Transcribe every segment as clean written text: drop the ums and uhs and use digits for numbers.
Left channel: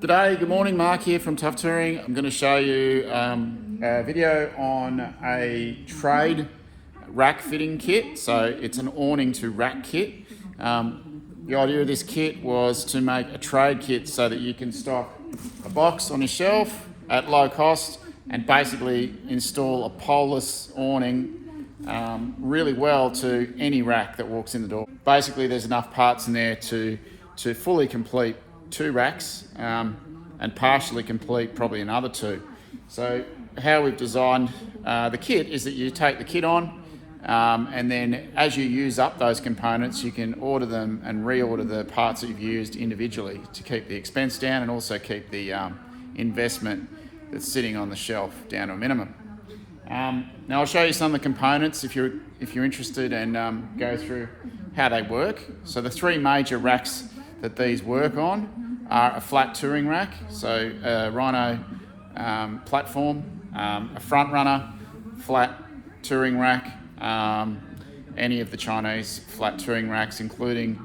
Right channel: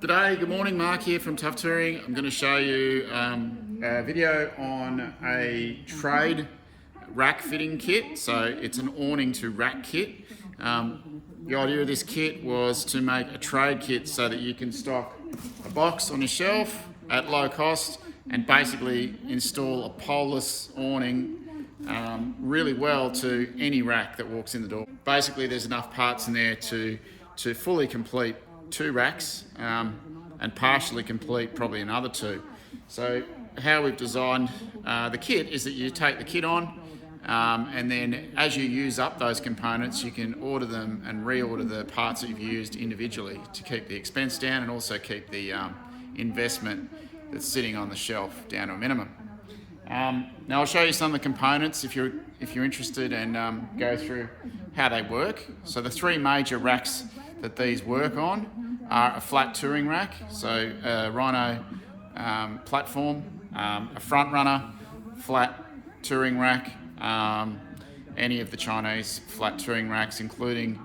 G'day, good morning, Mark here from Tough Touring. I'm going to show you a video on a trade rack fitting kit. So it's an awning to rack kit. The idea of this kit was to make a trade kit so that you can stock a box on your shelf at low cost and basically install a poleless awning really well to any rack that walks in the door. Basically there's enough parts in there to fully complete 2 racks and partially complete probably another 2. So how we've designed the kit is that you take the kit on and then as you use up those components you can order them and reorder the parts that you've used individually to keep the expense down and also keep the investment that's sitting on the shelf down to a minimum. Now I'll show you some of the components if you're interested and go through how they work. So the 3 major racks that these work on are a flat touring rack, so a Rhino platform, a front runner, flat touring rack, any of the Chinese flat touring racks, including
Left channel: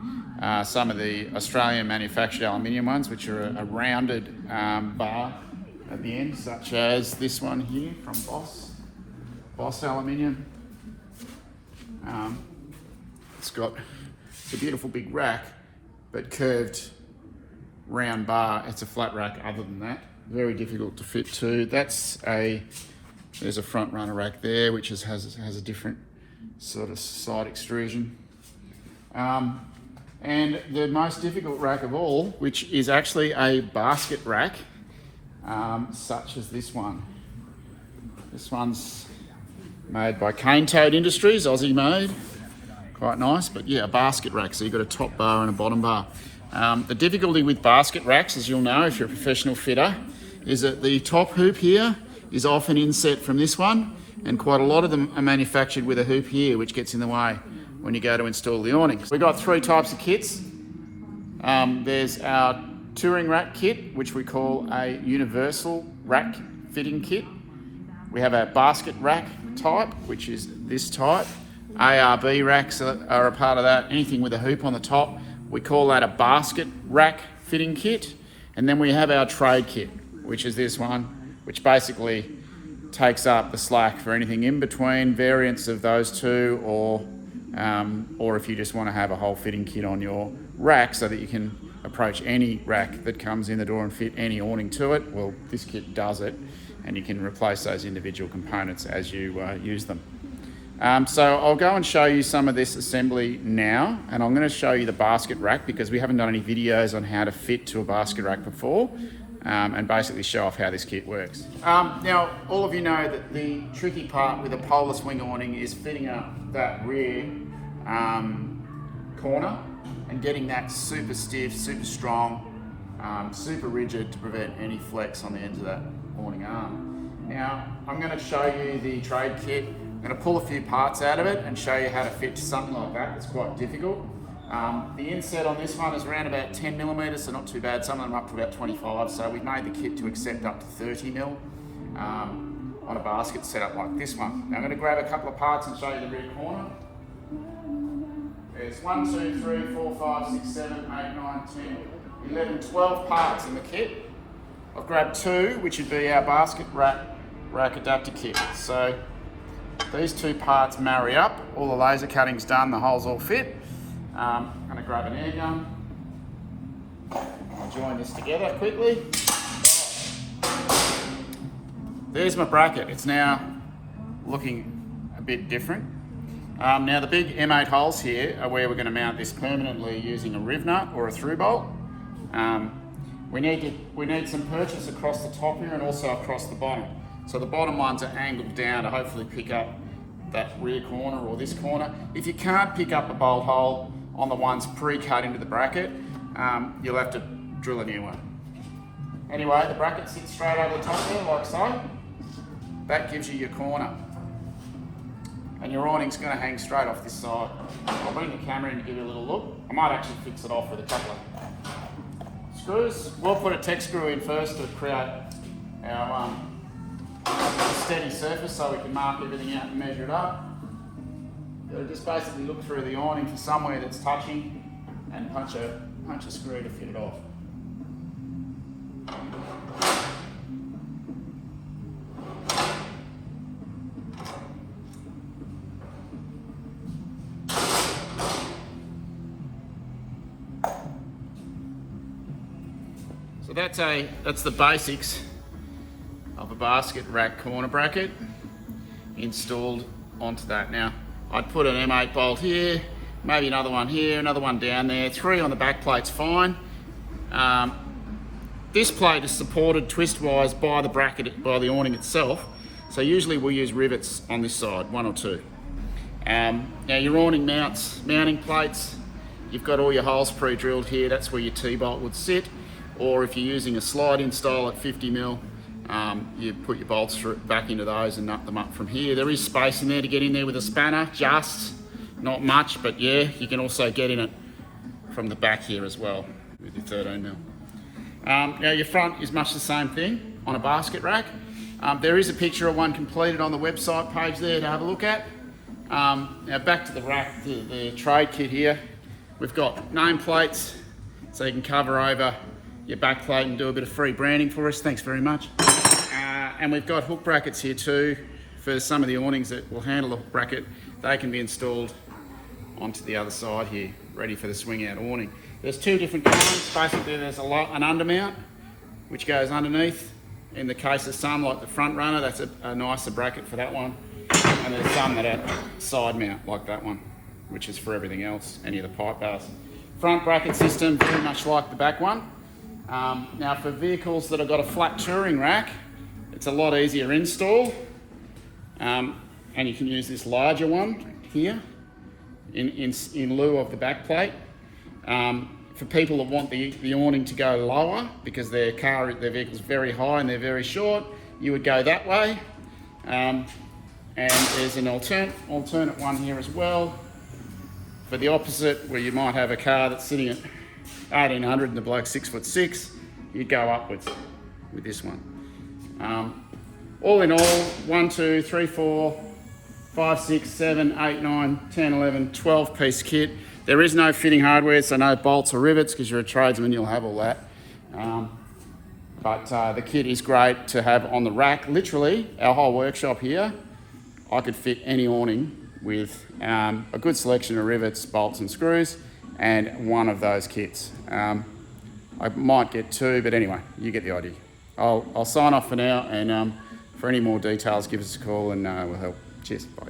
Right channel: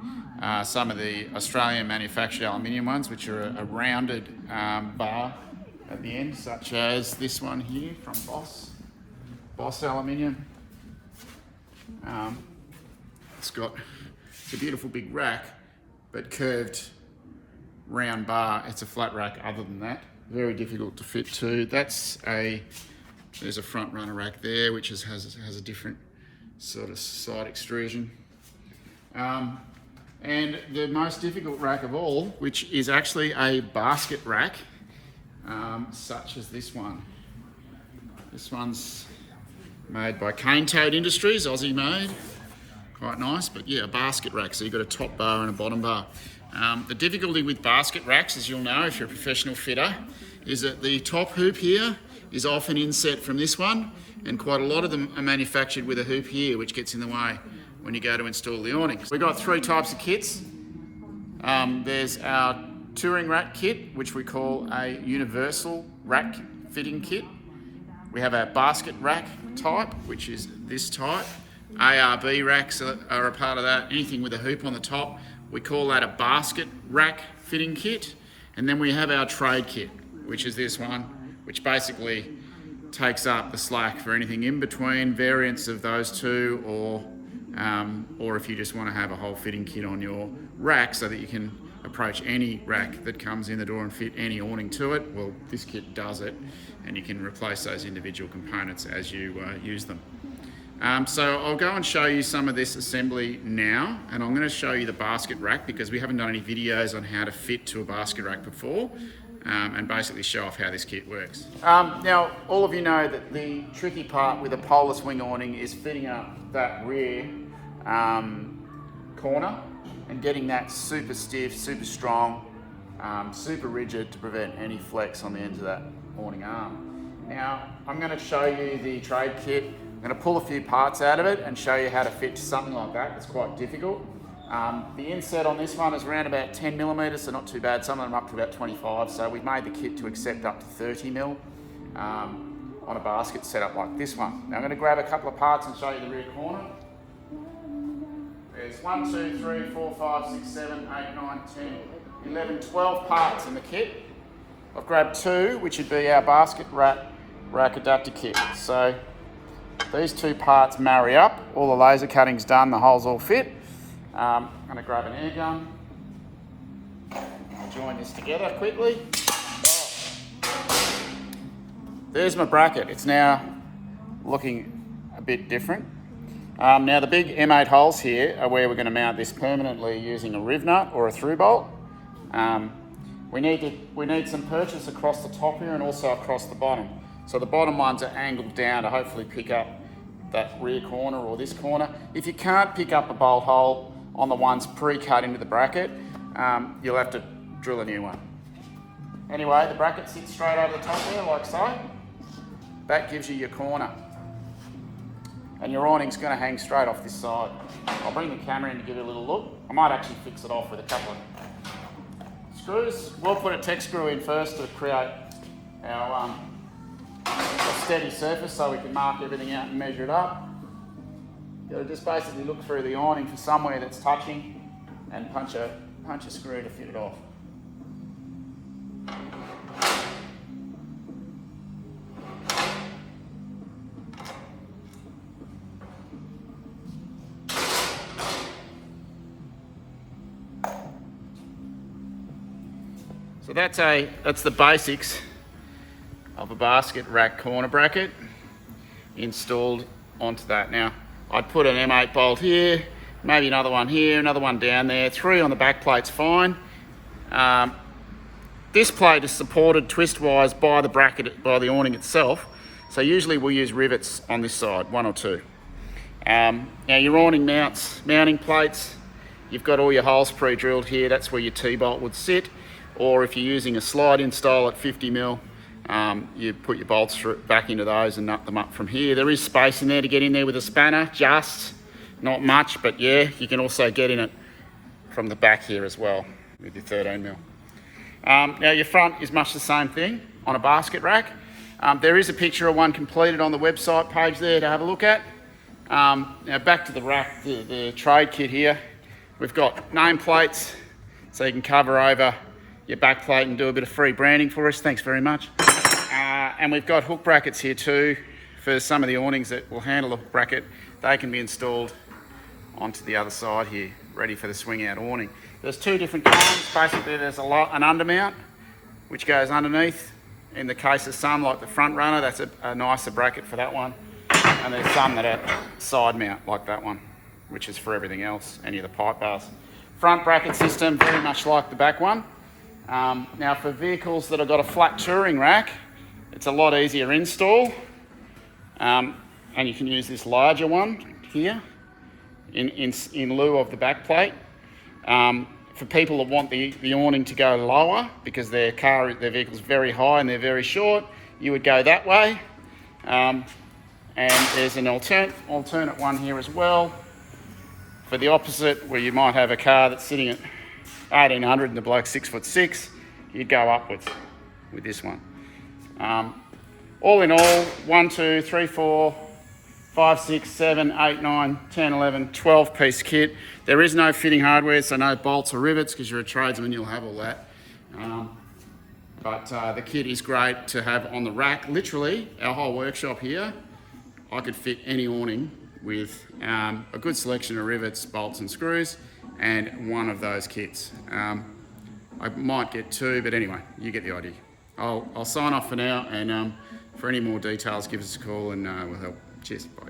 some of the Australian manufactured aluminium ones, which are a rounded bar at the end, such as this one here from Boss Aluminium. It's got a beautiful big rack, but curved round bar. It's a flat rack other than that. Very difficult to fit too. There's a front runner rack there, which has a different sort of side extrusion. And the most difficult rack of all, which is actually a basket rack, such as this one. This one's made by Cane Toad Industries, Aussie-made. Quite nice, but yeah, a basket rack. So you've got a top bar and a bottom bar. The difficulty with basket racks, as you'll know if you're a professional fitter, is that the top hoop here is often inset from this one, and quite a lot of them are manufactured with a hoop here, which gets in the way when you go to install the awning. We've got 3 types of kits. There's our touring rack kit, which we call a universal rack fitting kit. We have our basket rack type, which is this type. ARB racks are a part of that. Anything with a hoop on the top, we call that a basket rack fitting kit. And then we have our trade kit, which is this one, which basically takes up the slack for anything in between, variants of those 2, or if you just want to have a whole fitting kit on your rack so that you can approach any rack that comes in the door and fit any awning to it. Well, this kit does it, and you can replace those individual components as you use them. So I'll go and show you some of this assembly now, and I'm going to show you the basket rack because we haven't done any videos on how to fit to a basket rack before, and basically show off how this kit works. Now, all of you know that the tricky part with a poleless wing awning is fitting up that rear corner and getting that super stiff, super strong, super rigid to prevent any flex on the ends of that awning arm. Now, I'm going to show you the trade kit. I'm going to pull a few parts out of it and show you how to fit something like that. It's quite difficult. The inset on this one is around about 10 millimeters, so not too bad. Some of them up to about 25. So we've made the kit to accept up to 30 mil on a basket setup like this one. Now I'm going to grab a couple of parts and show you the rear corner. There's 1, 2, 3, 4, 5, 6, 7, 8, 9, 10, 11, 12 parts in the kit. I've grabbed 2, which would be our basket rack adapter kit. So these 2 parts marry up, all the laser cutting's done, the holes all fit. I'm going to grab an air gun. I'll join this together quickly. There's my bracket. It's now looking a bit different. Now the big M8 holes here are where we're going to mount this permanently using a rivnut or a through bolt. We need some purchase across the top here and also across the bottom. So the bottom ones are angled down to hopefully pick up that rear corner or this corner. If you can't pick up a bolt hole on the ones pre-cut into the bracket, you'll have to drill a new one. Anyway, the bracket sits straight over the top there like so. That gives you your corner. And your awning's going to hang straight off this side. I'll bring the camera in to give you a little look. I might actually fix it off with a couple of screws. We'll put a tech screw in first to create our a steady surface so we can mark everything out and measure it up. You'll just basically look through the awning for somewhere that's touching and punch a screw to fit it off. So that's the basics of a basket rack corner bracket installed onto that. Now, I'd put an M8 bolt here, maybe another one here, another one down there, 3 on the back plate's fine. This plate is supported twist-wise by the bracket, by the awning itself. So usually we'll use rivets on this side, 1 or 2. Now your awning mounting plates, you've got all your holes pre-drilled here. That's where your T-bolt would sit. Or if you're using a slide-in style at 50mm, you put your bolts back into those and nut them up from here. There is space in there to get in there with a spanner, just not much, but yeah, you can also get in it from the back here as well with your 13mm. Now your front is much the same thing on a basket rack. There is a picture of one completed on the website page there to have a look at. Now back to the rack, the trade kit here. We've got nameplates, so you can cover over your back plate and do a bit of free branding for us. Thanks very much. And we've got hook brackets here too for some of the awnings that will handle the hook bracket. They can be installed onto the other side here, ready for the swing out awning. There's 2 different kinds. Basically there's an undermount which goes underneath. In the case of some like the front runner, that's a nicer bracket for that one. And there's some that are side mount like that one, which is for everything else, any of the pipe bars. Front bracket system, very much like the back one. Now for vehicles that have got a flat touring rack, it's a lot easier install. And you can use this larger one here in lieu of the back plate. For people that want the awning to go lower because their vehicle's very high and they're very short, you would go that way. And there's an alternate one here as well. For the opposite, where you might have a car that's sitting at 1800 and the bloke's 6'6", you'd go upwards with this one. All in all, 1, 2, 3, 4, 5, 6, 7, 8, 9, 10, 11, 12 piece kit. There is no fitting hardware, so no bolts or rivets, because you're a tradesman, you'll have all that. But the kit is great to have on the rack. Literally, our whole workshop here, I could fit any awning with a good selection of rivets, bolts and screws, and one of those kits. I might get 2, but anyway, you get the idea. I'll sign off for now, and for any more details, give us a call and we'll help. Cheers, bye.